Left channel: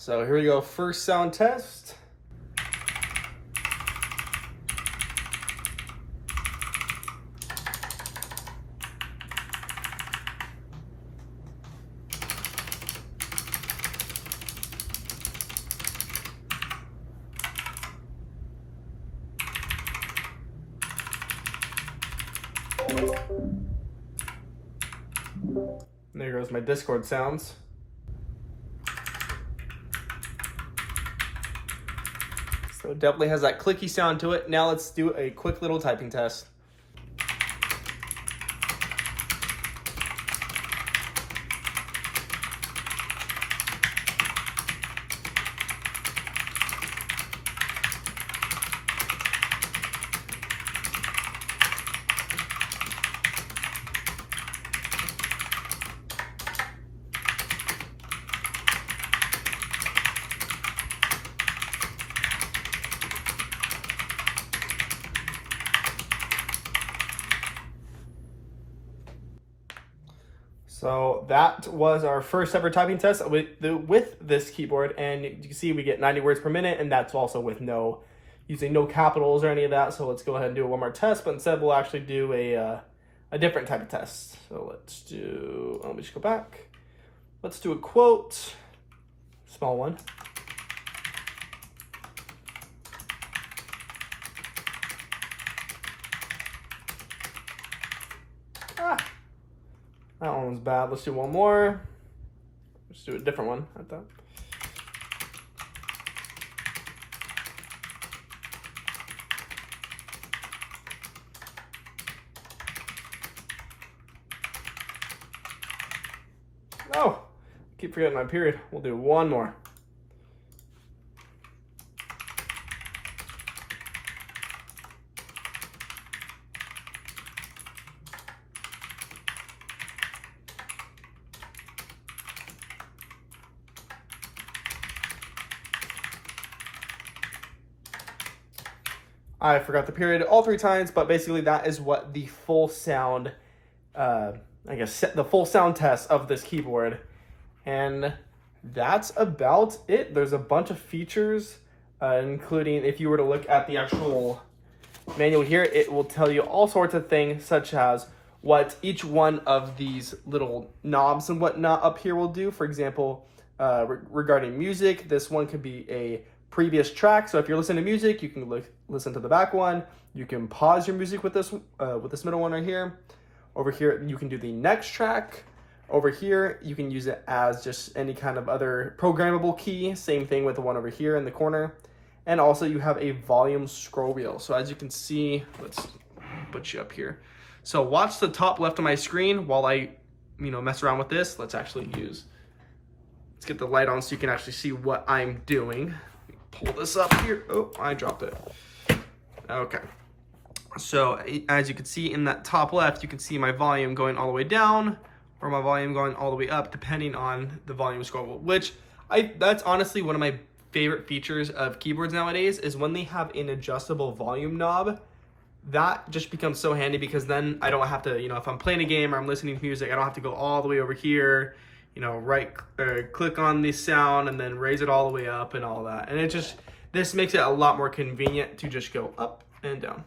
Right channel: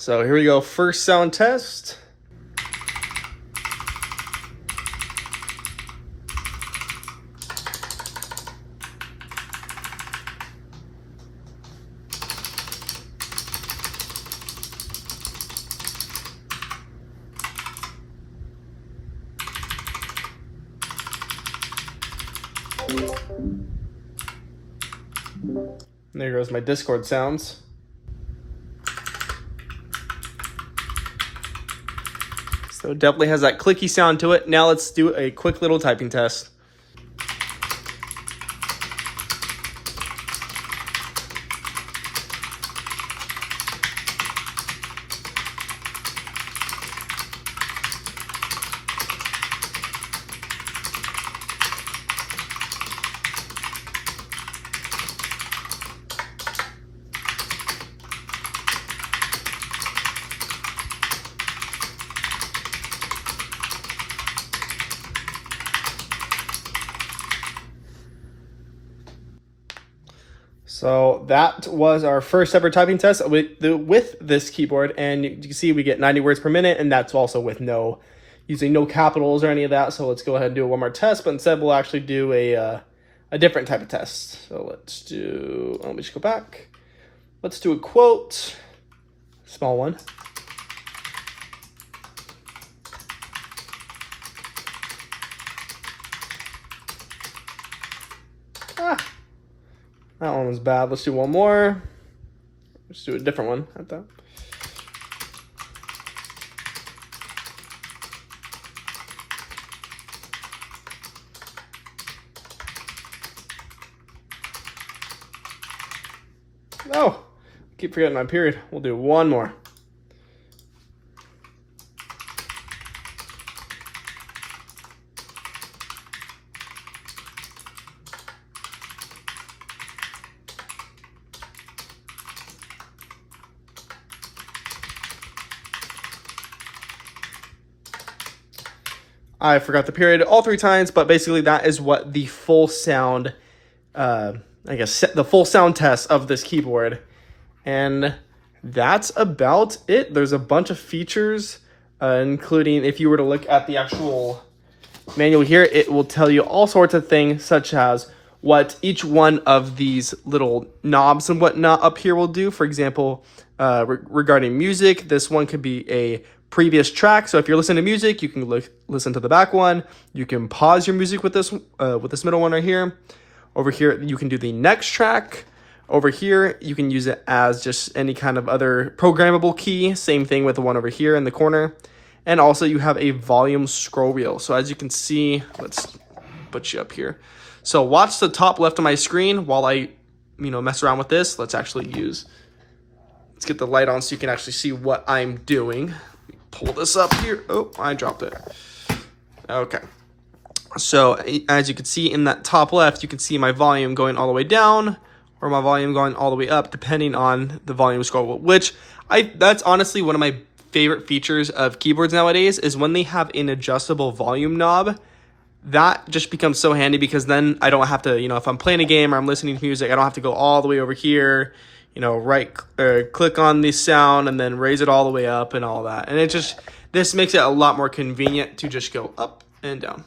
So here we go, first sound test. There goes my Discord sounds. So it definitely has that clicky sound to it. Now let's do a quick little typing test. So that was our first ever typing test with this keyboard, and you can see we get 90 words per minute, and that's also with using no capitals or any of that. So let's go ahead and do one more test, but instead we'll actually do a different type of test. So let me just go back. Let's do a quote, small one. That one was bad. Let's do one more. Let's do a different one at that. Oh, keep forgetting my period. We'll do one more. I forgot the period all 3 times, but basically that is what the full sound, the full sound test of this keyboard. And that's about it. There's a bunch of features, including if you were to look at the actual manual here, it will tell you all sorts of things, such as what each one of these little knobs and whatnot up here will do. For example, regarding music, this one could be a previous track. So if you're listening to music, you can listen to the back one. You can pause your music with this middle one right here. Over here, you can do the next track. Over here, you can use it as just any kind of other programmable key. Same thing with the one over here in the corner. And also you have a volume scroll wheel. So as you can see, let's put you up here. So watch the top left of my screen while I, mess around with this. Let's get the light on so you can actually see what I'm doing. Pull this up here. Oh, I dropped it. Okay. So as you can see in that top left, you can see my volume going all the way down or my volume going all the way up, depending on the volume scroll, which that's honestly one of my favorite features of keyboards nowadays is when they have an adjustable volume knob. That just becomes so handy because then I don't have to, if I'm playing a game or I'm listening to music, I don't have to go all the way over here, click on the sound and then raise it all the way up and all that. And this makes it a lot more convenient to just go up and down.